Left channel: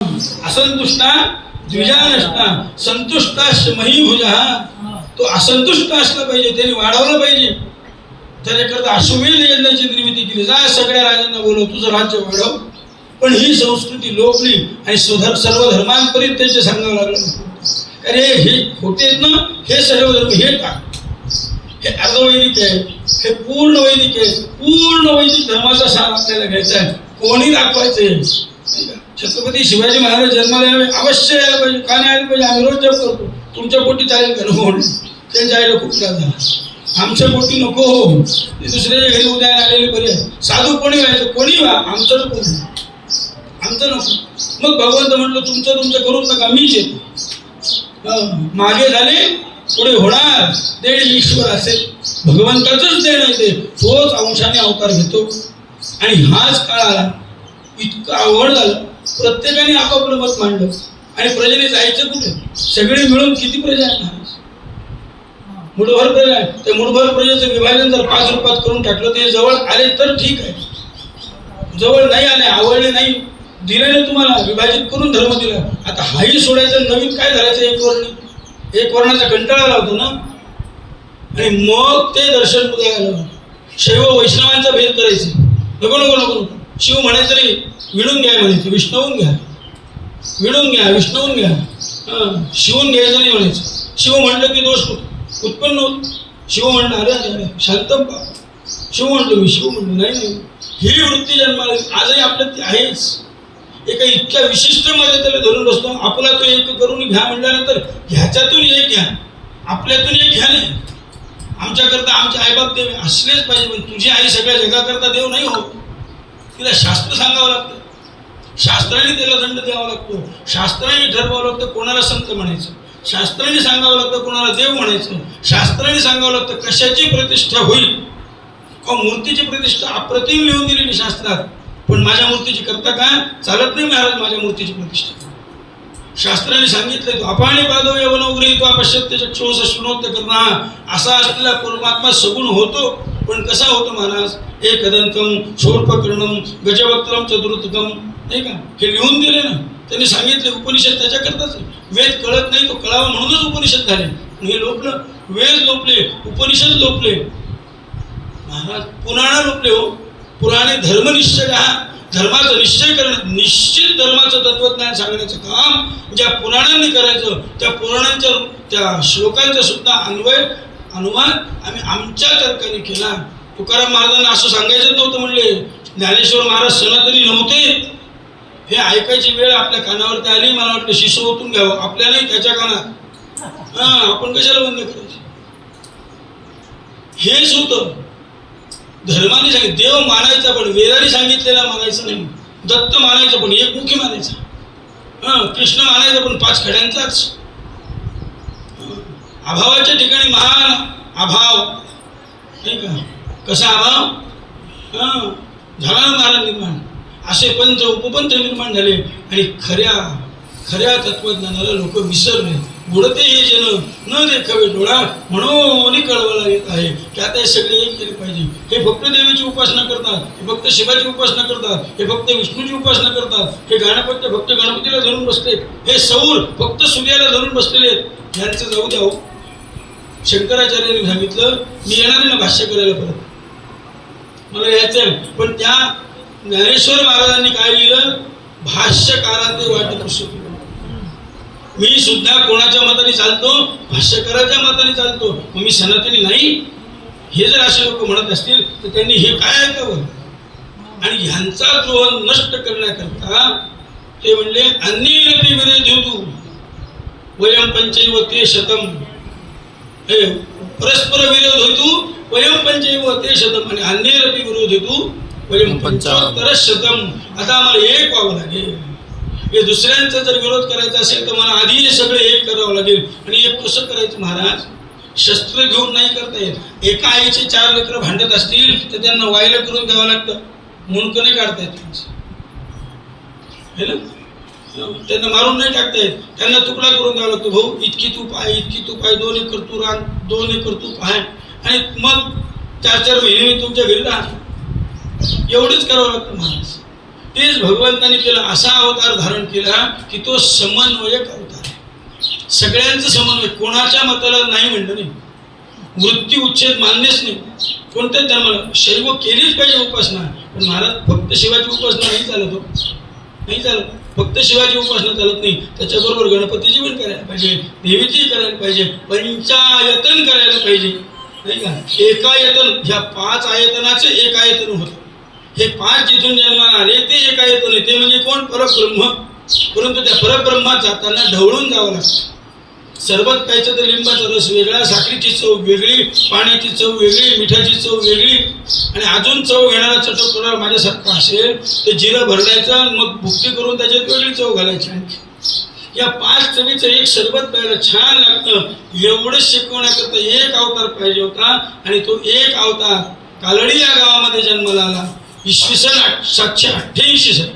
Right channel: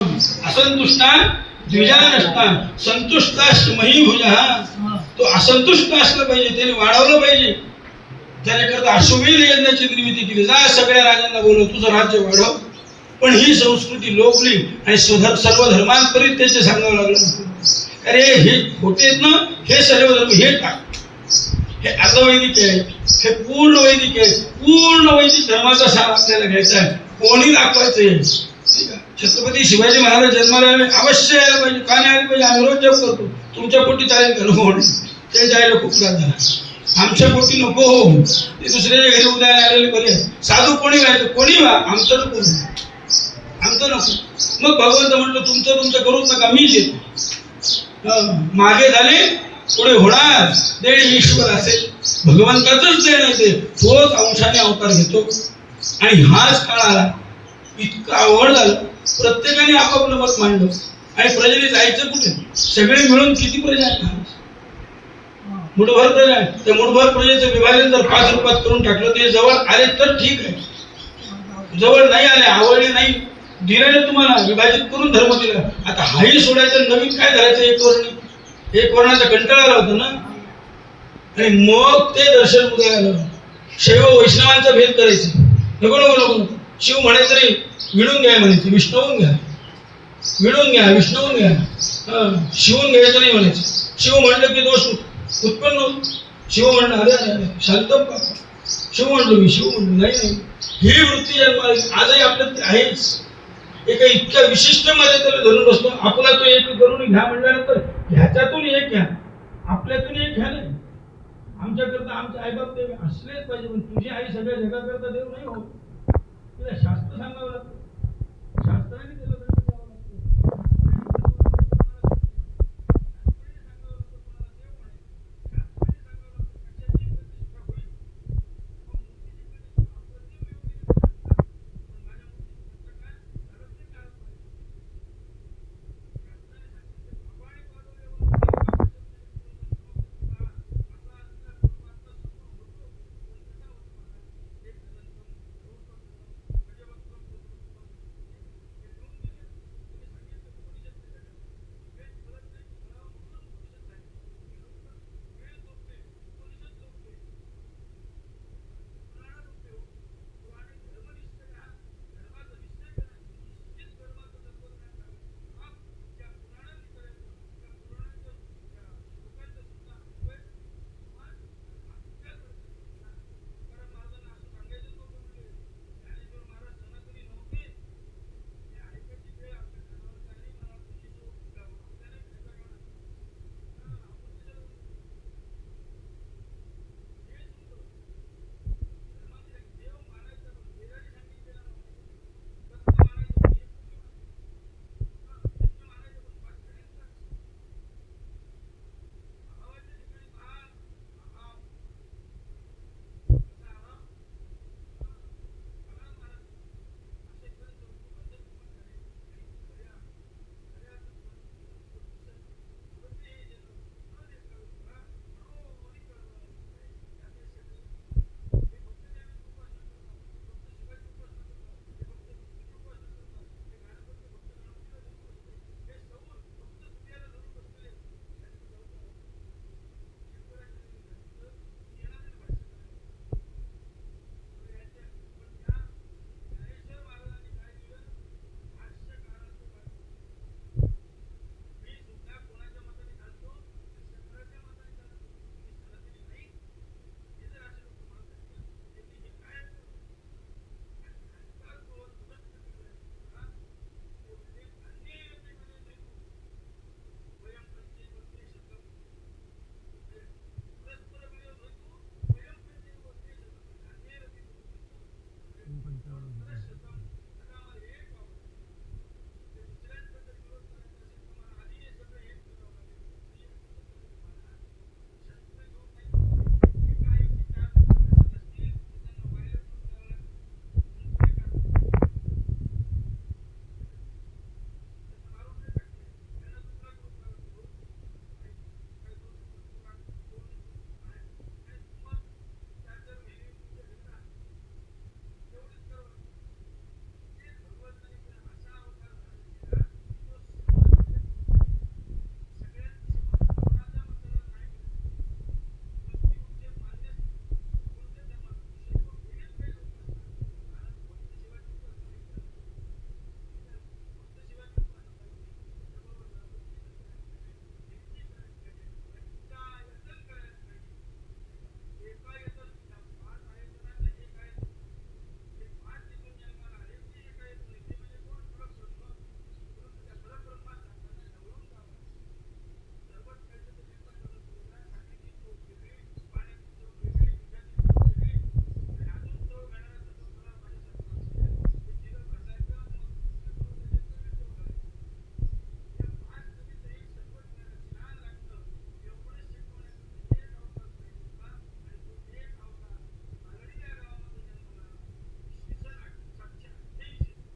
असंतुष्टा द्विजानष्टा संतुष्टाश मही भुजा. तो असंतुष्ट असला पाहिजे, त्याने वाढवलं पाहिजे. त्याच्याकरता अश्वमेध यज्ञाची निर्मिती केली. जा सगळ्या राजांना बोलव, तुझं राज्य वाढव. पण ही संस्कृती लोपली आणि सर्व धर्मांपरित्याचे सांगावं लागलं. अरे हे खोटे आहेत ना, हे सर्व धर्म हे टाक. हे अर्धवैदिक आहे, हे पूर्ण वैदिक आहे. पूर्ण वैदिक धर्माचा सार आपल्याला घ्यायचा आहे. कोणी दाखवायचंय? छत्रपती शिवाजी महाराज जन्माला आले, अवश्य यायला पाहिजे. का नाही आले पाहिजे? आम्ही रोज जप करतो. तुमच्या पोटी चालेल का? नको. त्यांच्या आईला खूप त्रास झाला. आमच्या पोटी नको हो. ते दुसऱ्याच्या घरी उद्या आलेले बरे. साधू कोणी व्हायचं? कोणी व्हा, आमचं नको, आमचं नको. मग भगवंत म्हटलं तुमचं करूच नका, मीच येतो. मागे झाले, पुढे होणार. देण ईश्वर असेल, भगवंताचंच देण आहे ते. तोच अंशाने अवतार घेतो. आणि हाच काळ आला, इतकं आवड झालं. प्रत्येकाने आपापलं मत मांडलं. आणि प्रजेने जायचं कुठे? सगळे मिळून किती प्रजा आहे? मुठभर प्रजा आहे. त्या मुठभर प्रजेचं विभाजन जर 5 रूपात करून टाकलं, ते जवळ आले तर ठीक आहे. जवळ नाही आले, आवडले नाही, दिले ना तुम्हाला, विभाजित करून धर्म दिला. आता हाही सोडायचं, नवीन काय धरायचं? एक वर्णाचा कंटाळा आला होता ना. आणि मग ते दर्शन उद्या आलं. शैव वैष्णवांचा भेद करायचे. नको नको नको नको. शिव म्हणायचं नाही, विणून घ्या म्हणायचं. विष्णवून घ्या, विणून घ्या, विष्णवून घ्या. शिवून घ्यायचं नाही म्हणायचं. शिव म्हणलं की दोष उत्पन्न होत. शिव म्हणलं अरे अरे शांत शिव म्हणलो मी, शिव म्हणलो नाही. ही वृत्ती जन्माला आजही आपल्यात आहेच. एका इतक्या विशिष्ट मध्ये त्याला धरून बसतो. आपला तो एक करून घ्या म्हटल्यानंतर ह्याच्यातून एक घ्या, आपल्यातून एक घ्या नाही. आमच्याकरता आमचे आईबाप देव असलेच पाहिजे. पण तुझी आई सगळ्या जगाकरता देव नाही हो. तिला शास्त्र सांगावं लागतं, शास्त्राने त्याला दंड द्यावा लागतो. शास्त्राने ठरवावं लागतं कोणाला संत म्हणायचं, शास्त्राने सांगावं लागतं कोणाला देव म्हणायचं, शास्त्राने सांगावं लागतं कशाची प्रतिष्ठा होईल. मूर्तीची प्रतिष्ठा अप्रतिम लिहून दिलेली शास्त्रात. पण माझ्या मूर्तीची करता का? चालत नाही महाराज माझ्या मूर्तीची प्रतिष्ठा. शास्त्राने सांगितलं अपाणी पादो यवन उरयित्वा पश्यत्य चक्षुष श्रुणोत्य करणा. असा असलेला परमात्मा सगुण होतो. पण कसा होतो महाराज? एकदंतम शूर्पकर्णम गजवक्त्रम चतुर्थकम, नाही का? हे लिहून दिले ना त्यांनी सांगितले. उपनिषद त्याच्याकरताच. वेद कळत नाही, तो कळावा म्हणूनच उपनिषद झाले. हे लोपलं, वेद लोपले, उपनिषद लोपले महाराज. पुराण लोपले हो. पुराणे धर्मनिश्चय, धर्माचा निश्चय करणं, निश्चित धर्माचं तत्वज्ञान सांगण्याचं काम ज्या पुराणांनी करायचं, त्या पुराणांच्या त्या श्लोकांचा सुद्धा अनुवाद आम्ही आमच्या तर्काने केला. तुकाराम महाराजांना असं सांगायचं नव्हतं म्हणले. ज्ञानेश्वर महाराज सनातनी नव्हते. हे ऐकायची वेळ आपल्या कानावरती आली. मला वाटलं शिष्य ओतून घ्यावं, आपल्यालाही त्याच्या कानात. आपण कशाला बंद करायचं? हेच होतं. धर्माने सांगितलं देव मानायचा, पण वेदाने सांगितलेला मानायचं नाही. दत्त मानायचं पण एकमुखी मानायचा. कृष्ण मानायचं पण 5 खड्यांचाच. अभावाच्या ठिकाणी महान अभाव, नाही का? कसा अभाव झाला महाराज निर्माण. असे पंच उपपंच निर्माण झाले. आणि खऱ्या तत्वज्ञानाला लोक विसरले. बुडते हे जन न देखावे डोळा, म्हणून कळवला येत आहे की आता हे सगळे एक केले पाहिजे. हे भक्त देवीची उपासना करतात, हे भक्त शिवाची उपासना करतात, हे भक्त विष्णूची उपासना करतात, हे गणपती भक्त गणपतीला धरून बसले, हे सौर भक्त सूर्याला धरून बसलेले आहेत. यांचं जाऊ द्या. शंकराचार्यांनी सांगितलं मी येणार आहे ना भाष्य करायला, परत मला यायचं. पण त्या ज्ञानेश्वर महाराजांनी काय लिहिलं? भाष्यकाराचे वाटे पुस्तक. मी सुद्धा कोणाच्या मताने चालतो? भाष्यकाराच्या मताने चालतो. मग मी सनातनी नाही? हे जर असे लोक म्हणत असतील तर त्यांनी हे काय ऐकावं? आणि ह्यांचा द्रोह नष्ट करण्याकरता ते म्हणले अन्येरपि विरोधेतु वयम पंचैव ते शतम. हे परस्पर विरोध हेतू वयम पंचैव ते शतम. आणि अन्येरपि विरोध हेतू वयम पंचोत्तर शतम. आता आम्हाला एक व्हावं लागेल. हे दुसऱ्यांचा जर विरोध करायचा असेल तर मला आधी हे सगळे एक करावं लागेल. आणि एक कसं करायचं महाराज? शस्त्र घेऊन नाही करता येत. एका आईचे 4 लेकरं भांडत असतील तर त्यांना वायलं करून द्यावं लागतं. मुंडकं नाही काढता येत, हे ना? त्यांना मारून नाही टाकता येत. त्यांना तुकडा करून द्यावा लागतो. भाऊ इतकी तूप आहे, इतकी तूप आहे, 2 एकर तू रान, 2 एकर तूप आहे. आणि मग 4-4 महिने तुमच्या घरी राहा. एवढंच करावं लागतं महाराज. तेच भगवंताने केलं, असा अवतार धारण केला की तो समन्वयक अवतार आहे. सगळ्यांचं समन्वय, कोणाच्या मताला नाही म्हणलं नाही, वृत्ती उच्छेद मान्यच नाही कोणत्याच धर्माला. शैव केलीच पाहिजे उपासना, पण महाराज फक्त शिवाची उपासना नाही चालत हो, नाही चालत. फक्त शिवाची उपासना चालत नाही, त्याच्याबरोबर गणपतीची पण करायला पाहिजे, देवीची करायला पाहिजे, पंचायतन करायला पाहिजे, नाही का. एकायतन, ह्या 5 आयतनाचे एक आयतन होतं. हे 5 जिथून जन्माला आले ते एक आयतन आहे, ते म्हणजे कोण? परब्रह्म. परंतु त्या परब्रह्मात जाताना ढवळून जावं लागतं. सरबत प्यायचं तर लिंबाचा रस वेगळा, साखरेची चव वेगळी, पाण्याची चव वेगळी, मिठाची चव वेगळी, आणि अजून चव घेणारा चटकदार माझ्यासारखा असेल तर जिरं भरडायचं, मग भुक्ती करून त्याच्यात वेगळी चव घालायची. या 5 चवीचं एक सरबत प्यायला छान लागतं. एवढं शिकवण्याकरता एक अवतार पाहिजे होता, आणि तो एक अवतार कालडी या गावामध्ये जन्माला आला. इसवी सन 788 साली.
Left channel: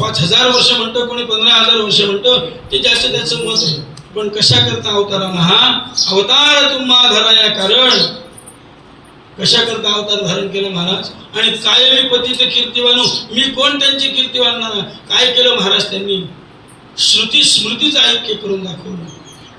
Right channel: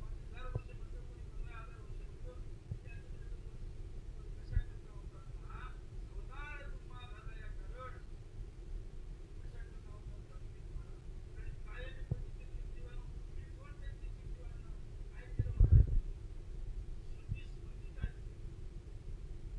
5000 वर्ष म्हणतो, कोणी 15000 वर्ष म्हणतो, ते ज्याचं त्याचं मत आहे. पण कशा करता अवतार आला हा? अवतार तुम्हा धराया कारण. कशा करता अवतार धारण केलं महाराज? आणि कायमी पतित कीर्तिवानू, मी कोण त्यांची कीर्ती वाढणार? काय केलं महाराज त्यांनी? श्रुती स्मृतीचं ऐक्य करून दाखवलं,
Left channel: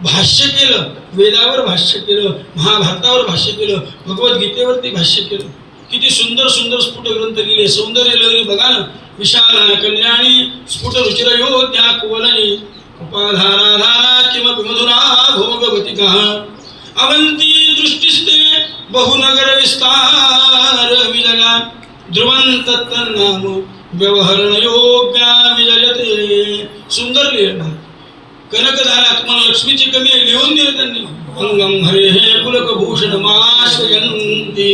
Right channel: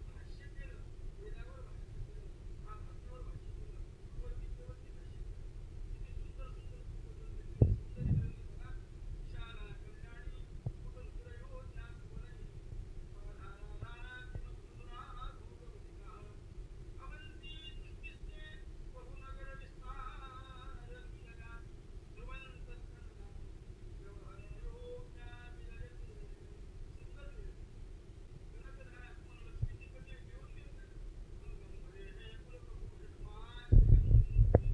भाष्य केलं, वेदावर भाष्य केलं, महाभारतावर भाष्य केलं, भगवद्गीतेवरती भाष्य केलं. किती सुंदर सुंदर स्फुट ग्रंथ लिहिले, सौंदर्य लहरी बघा ना. विशाल कल्याणी स्फुट रुचिरयो त्या कुवलनी उपाधाराधारा किमपि मधुरा भोगवतिका अवंती दृष्टिस्ते बहुनगर विस्तार विजगा ध्रुवंत तन्नाम व्यवहरण योग्या विजयते. सुंदर लिहिलं. कनकधारा, तुम्हाला लक्ष्मीची कमी आहे, लिहून दिलं त्यांनी. अंगम हरे हे पुलकभूषण माश्रयन्ति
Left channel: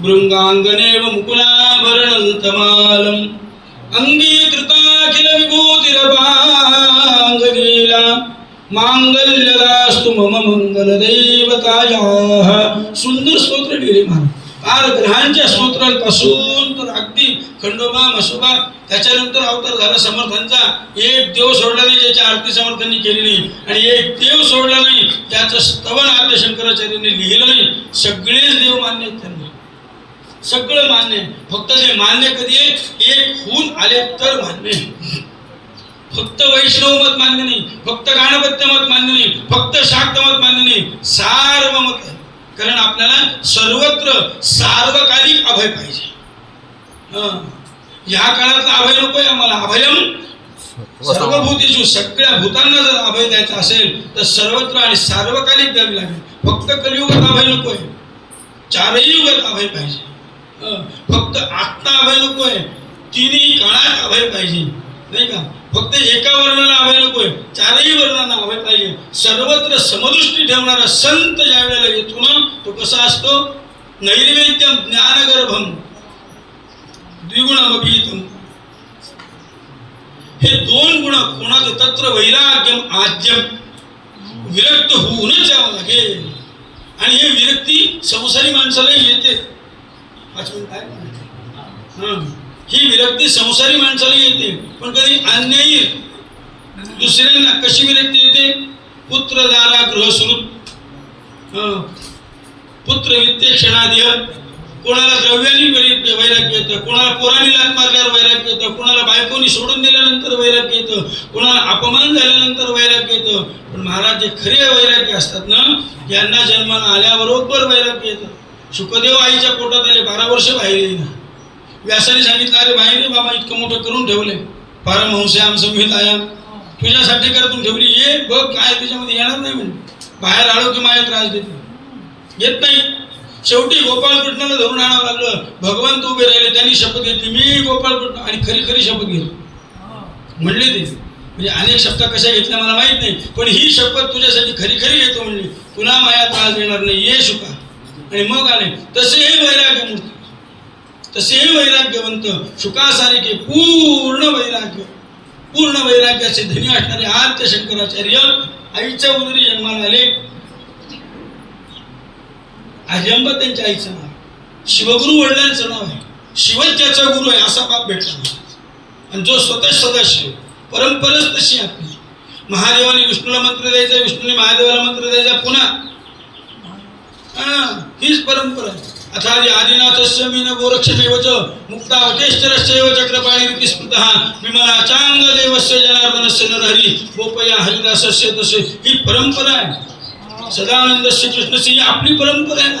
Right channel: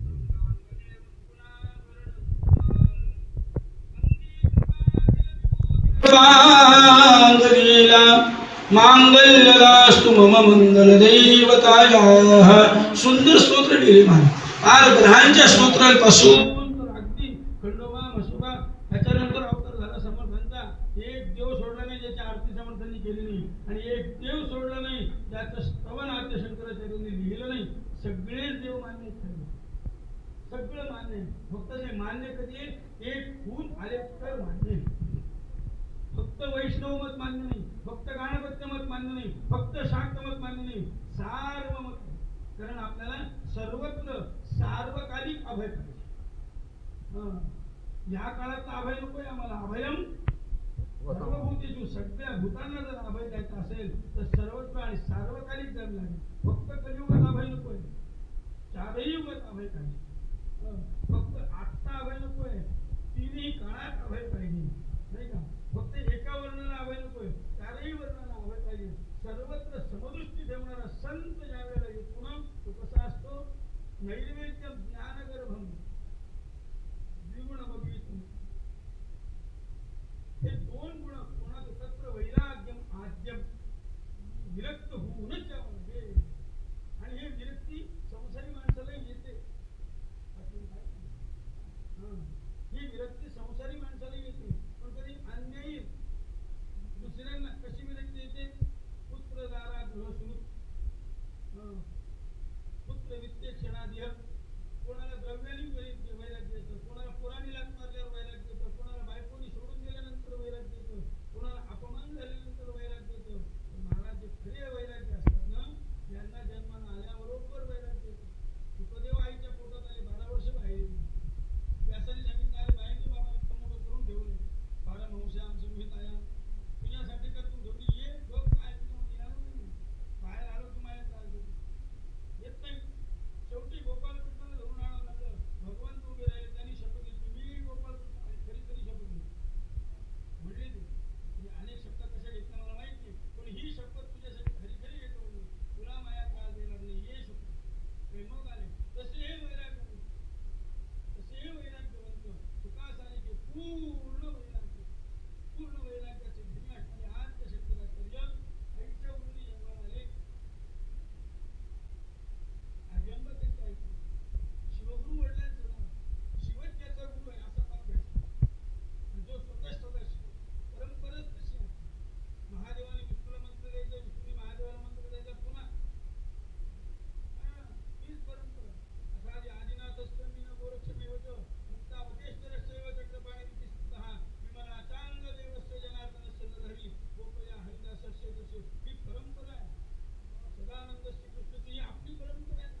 भृंगांगनेव मुकुलाभरणन्तमालम् अंगीकृताखिल विभूतिरपांगलीला मांगल्यदास्तु मम मंगलदैवतायाः. सुंदर स्तोत्र लिहिले महाराज. फार ग्रहांच्या स्तोत्रांपासून तर अगदी खंडोबा मसोबा, त्याच्यानंतर अवतार झाला समर्थांचा. एक देव सोडला नाही ज्याची आरती समर्थांनी केली नाही, आणि एक देव सोडला नाही त्याचं स्तवन आद्य शंकराचार्यांनी लिहिलं नाही. सगळेच देव मान्य आहेत त्यांना, सगळं मान्य. फक्त ते मान्य कधी आहे? एक होऊन आले तर मान्य. फक्त वैष्णव मत मान्य नाही, फक्त गाणपत्य मत मान्य नाही, फक्त शाक्त मत मान्य नाही, सार्वमत आहे. कारण आपल्याला सर्वत्र सार्वकालिक अभय पाहिजे. या काळातला अभय नकोय आम्हाला. अभयम सर्वभूतेषु, सगळ्या भूतांना जर अभय द्यायचा असेल तर सर्वत्र आणि सार्वकालिक द्यावी लागेल. फक्त कलियुगात अभय नकोय, 4ही युगात अभय पाहिजे. फक्त आत्ता अभय नकोय, 3ही काळात अभय पाहिजे, नाही का. फक्त एका वर्णाला अभय नकोय, 4ही वर्णांना अभय पाहिजे. सर्वत्र समदृष्टी ठेवणारा संत ज्या वेळेला येतो ना, तो कसा असतो? नैर्वेद्यम ज्ञानगर्भम द्विगुणमभीतम. हे 2 गुण कोणाचं? तत्र वैराग्यम आद्यम. विरक्त होऊनच यावं लागेल. आणि हे विरक्ती संसारी माणसाला येते. 5 मिनिट आहे. ही विरक्ती संसारी माणसाला येते, पण कधी अन्यायी दुसऱ्यांना. कशी विरक्ती येते? पुत्र दारा गृहसुरुत, पुत्र वित्ते क्षणाधिय. कोणाला द्रव्यानी वैराग्य येतं, कोणाला पोरांनी लात मारल्यावर वैराग्य येतं, कोणाला बायकोनी सोडून दिल्यानंतर वैराग्य येतं, कोणाला अपमान झाल्यानंतर वैराग्य येतं. पण महाराज जे खरे वैराग्य असतात ना, यांना जन्माला आल्याबरोबर वैराग्य येतं. शुकदेव आईच्या पोटात आले, 12 वर्ष बाहेर येईना. व्यासाने सांगितलं, अरे बाहेर बाबा इतकं मोठं करून ठेवले, पारमहंस्याम संहितायाम, तुझ्यासाठी करून ठेवली, ये बघ काय त्याच्यामध्ये येणार नाही म्हणजे. बाहेर आलो की माया त्रास देते, येत नाही. शेवटी गोपाळकृष्णाला धरून आणावं लागलं. भगवंत उभे राहिले, त्यांनी शपथ घेतली, मी गोपाळकृष्ण, आणि खरी खरी शपथ घेतली म्हणले ते. म्हणजे अनेक शपथ कशा घेतल्या मला माहित नाही, पण ही शपथ तुझ्यासाठी खरी खरी घेतो म्हणली, तुला माया त्रास देणार नाही, ये शुका. आणि मग आले. तसेही वैराग्यमूर्ती, तसेही वैराग्यवंत, शुकासारिखे पूर्ण वैराग्य, पूर्ण वैराग्याचे धनी असणारे आद्य शंकराचार्य आईच्या उदरी जन्माला आले. आजंब त्यांच्या आईचं नाव, शिवगुरु वडिलांचं नाव आहे. शिवच ज्याचा गुरु आहे असा बाप भेटला. आणि जो स्वतः सदाशिव, परंपराच तशी आपली. महादेवाने विष्णूला मंत्र द्यायचा, विष्णूने महादेवाला मंत्र द्यायचा, पुन्हा हीच परंपरा. अथादि आदिनाथस्य मीन गोरक्षमेवच मुक्तावतेश्चरश्चैव चक्रपाणि रीति स्मृतः विमलाचांग देवस्य जनार्दनस्य नरहरी गोपया हरिदासस्य तसे ही परंपरा आहे. सदानंदस्य कृष्णस्य ही आपली परंपरा आहे ना.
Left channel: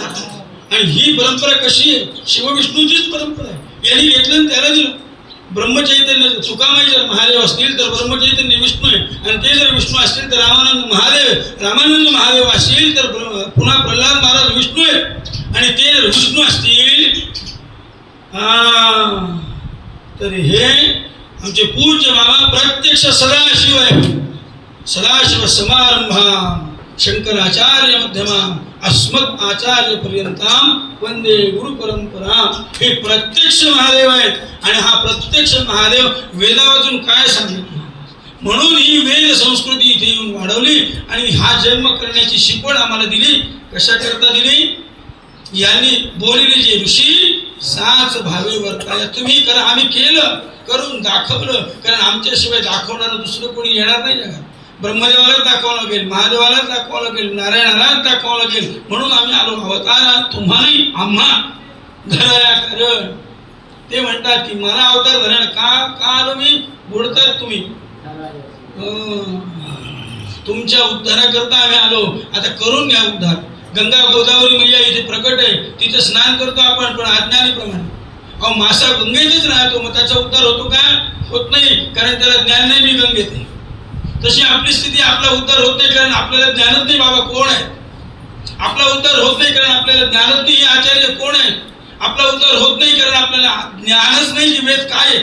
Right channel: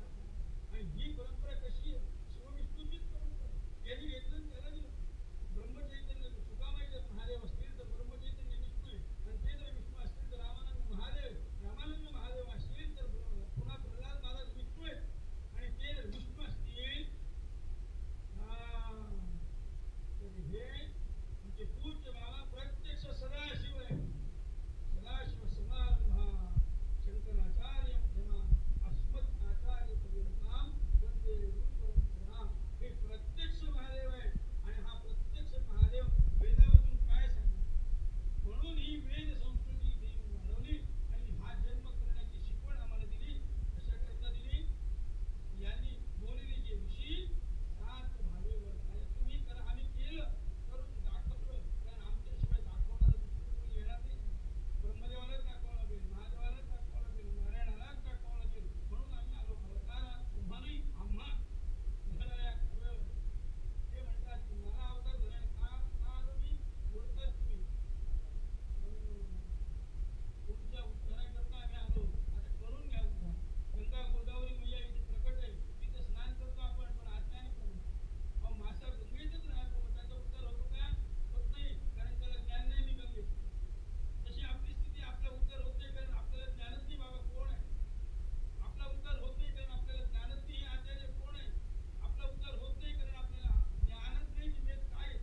आणि ही परंपरा कशी आहे? शिवविष्णूचीच परंपरा आहे. यांनी घेतलं आणि त्याला दिलं. ब्रह्मचैतन्य तुकामाई जर महादेव असतील तर ब्रह्मचैतन्य विष्णू आहे, आणि ते जर विष्णू असतील तर रामानंद महादेव असतील तर पुन्हा प्रल्हाद महाराज विष्णू आहे. आणि ते जर विष्णू असतील तर हे आमचे पूज्य बाबा प्रत्यक्ष सदाशिव आहे. सदाशिव समारंभा शंकराचार्य मध्यमा अस्मत् आचार्य पर्यंताम वंदे गुरु परंपरा. हे प्रत्यक्ष महादेव आहेत. आणि हा प्रत्यक्ष महादेव वेदावातून काय सांगितलं म्हणून ही वेद संस्कृती इथे येऊन वाढवली. आणि हा जन्म करण्याची शिकवण आम्हाला दिली. कशा करता दिली? यांनी बोलले जे ऋषी साच भावे वर्ताय. तुम्ही करा. आम्ही केलं, करून दाखवलं. कारण आमच्याशिवाय दाखवणारं दुसरं कोणी येणार नाही जगात. ब्रह्मदेवालाच दाखवावं लागेल, महादेवालाच दाखवावं लागेल, नारायणालाच दाखवावं लागेल. म्हणून आम्ही आलो अवतार तुम्हालाही आम्हा धराया कारण. ते म्हणतात की मला अवतार धरण का आलो मी? बुडतात तुम्ही. तुमच्या उद्धाराकरता आम्ही आलो. आता करून घ्या उद्धार. गंगा गोदावरी मैया इथे प्रकट आहे, तिथे स्नान करतो आपण, पण अज्ञानीप्रमाणे. अहो मासा गंगेतच राहतो, मग त्याचा उद्धार होतो का? होत नाही, कारण त्याला ज्ञान नाही. मी गंगेत आहे. तशी आपली स्थिती. आपला उद्धार होत नाही कारण आपल्याला ज्ञानच नाही बाबा कोण आहे. आपला उद्धार होत नाही कारण आपल्याला ज्ञानच नाही हे आचार्य कोण आहे. आपला उद्धार होत नाही कारण आपल्याला ज्ञानच नाही की वेद काय आहे.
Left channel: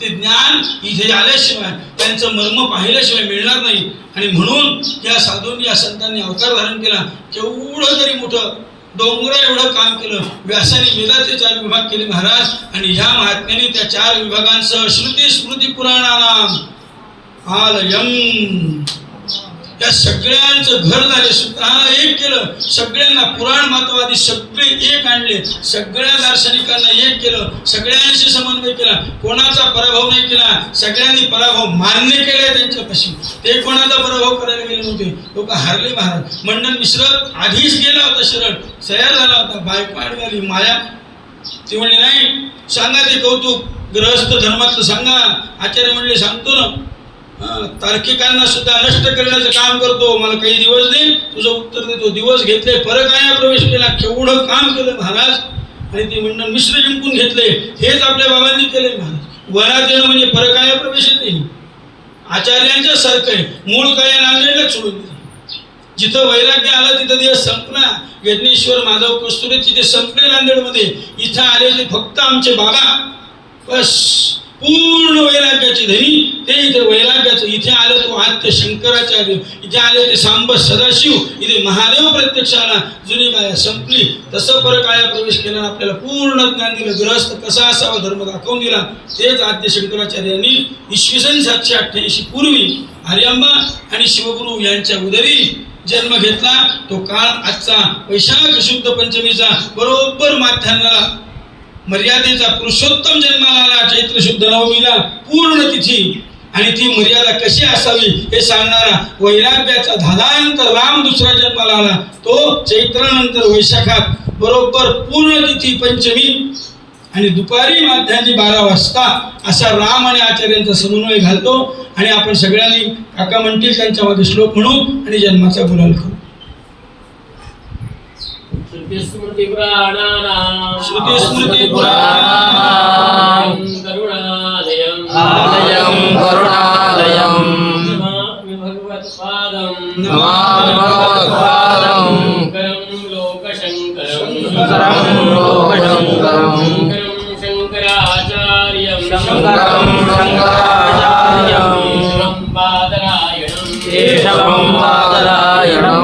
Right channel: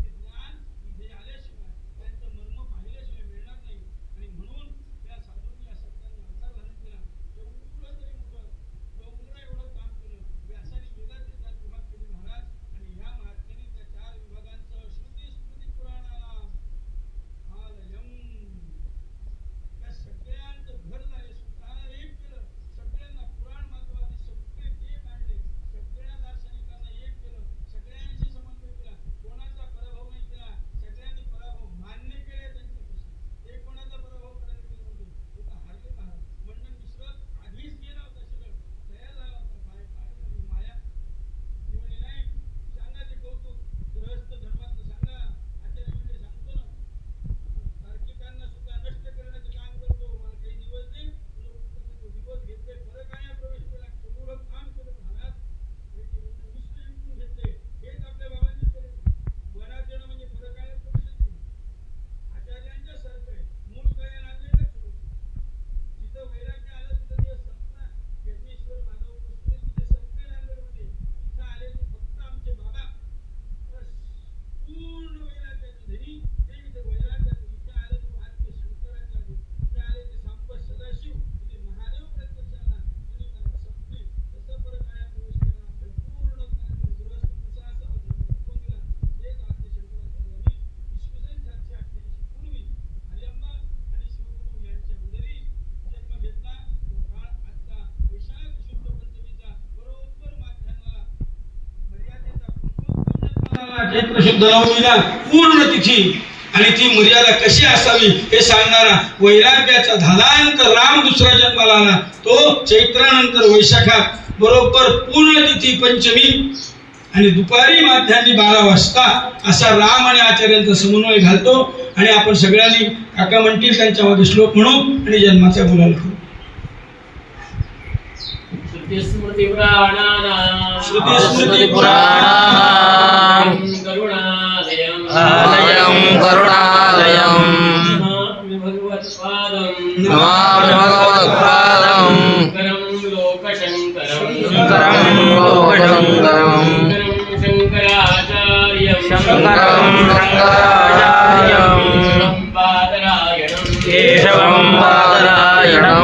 ते ज्ञान इथे आल्याशिवाय, त्यांचं मर्म पाहिल्याशिवाय मिळणार नाही. आणि म्हणून या साधूंनी या संतांनी अवतार धारण केला. केवढं तरी मोठं डोंगरा एवढं काम केलं. व्यासाने वेदाचे 4 विभाग केले महाराज. आणि ह्या महात्म्याने त्या 4 विभागांसह श्रुती स्मृती पुराणानाम आलयम या सगळ्यांचं घर झाले. स्वतः एक केलं. सगळ्यांना पुराण मतवादी सगळे एक आणले. सगळ्या दार्शनिकांना एक केलं. सगळ्यांशी समन्वय केला. कोणाचा पराभव नाही केला. सगळ्यांनी पराभव मान्य केले त्यांच्यापाशी. ते कोणाचा पराभव करायला गेले नव्हते. लोक हारले महाराज. मंडन मिश्र आधीच गेला होता, शरण तयार झाला होता. बायको आडवाली माया. ती म्हणली नाही, सांगा ते कौतुक गृहस्थ धर्माचं सांगा. आचार्य म्हणले सांगतो ना. तार्किकांना सुद्धा नष्ट करण्याचं काम करतो. मला काही दिवस दे, तुझं उत्तर देतो. दिवस घेतले, परत आया प्रवेश केला. केवढं काम केलं महाराज. आणि ते मंडन मिश्र जिंकून घेतले. हेच आपल्या बाबांनी केले महाराज. वनात येणं म्हणजे परत आया प्रवेश नाही. आचार्यांच्या सारखं आहे. मूळ काय नांदेडला सोडून दिलं. जिथं वैराग्य आलं तिथं दिवस संपला. यज्ञेश्वर माधव कस्तुरे तिथे संपले नांदेडमध्ये. इथं आले ते फक्त आमचे बाबा. बस पूर्ण वैराग्याची धनी. ते इथे वैराग्याचं. इथे आलं तो आद्य शंकराचार्य. इथे आले ते सांब सदाशिव. इथे महादेव प्रत्यक्ष आला. जुनी माया संपली. तसं परत आया प्रवेश केला. आपल्याला पूर्ण ज्ञान दिलं. गृहस्थ कसा असावा धर्म दाखवून दिला. तेच आद्य शंकराचार्यांनी इसवी सन 788 पूर्वी आर्यांबा आणि शिवगुरु यांच्या उदरी जन्म घेतला. तो काळ आजचा वैशाख शुद्ध पंचमीचा बरोबर माध्यान्हाला मर्यादेचा पुरुषोत्तम जन्माला आला. चैत्र शुद्ध नवमीला पूर्ण तिथी. आणि ती मर्यादा कशी असावी हे सांगणारा वैराग्याचा धादांत राम दुसरा जन्माला आला. तो चैत्रानंतर वैशाखात बरोबर पूर्ण तिथी पंचमी आणि दुपारी माध्यान्ही 12 वाजता असा राम आणि आचार्यांचा समन्वय घालतो. आणि आपण सगळ्यांनी काका म्हणतील त्यांच्या मागे श्लोक म्हणू आणि जन्माचा गुलाल करू. स्मृती पुराणानां करुणालयं नमामि भगवत्पादं शङ्करं लोकशङ्करं शङ्कराचार्यं केशवं बादरायणं